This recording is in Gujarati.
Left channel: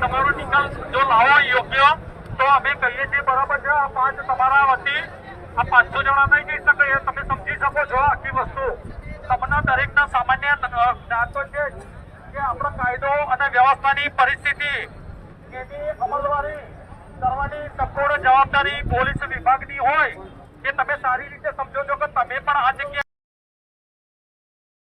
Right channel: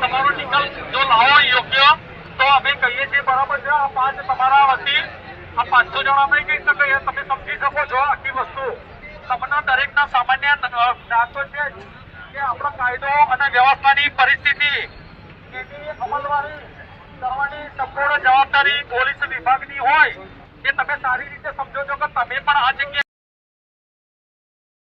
તમારો નિકાલ જો લાવો યોગ્ય તો અમે કહીએ છીએ બરાબર છે। આ 5 તમારા વતી આ 500 જણા નહીં કહી શકે, તમે સમજી શકો છો આખી વસ્તુ। તમને દરેકના સામાન્ય જ્ઞાન તો છે કે આપણો કાયદો અને વ્યવસ્થાની પરિસ્થિતિ એની અમલવારી કરવાની સંપૂર્ણ જવાબદારી પોલીસ વિભાગની હોય, એ તમે સારી રીતે સમજો છો કે તમે પણ આ જગ્યાએ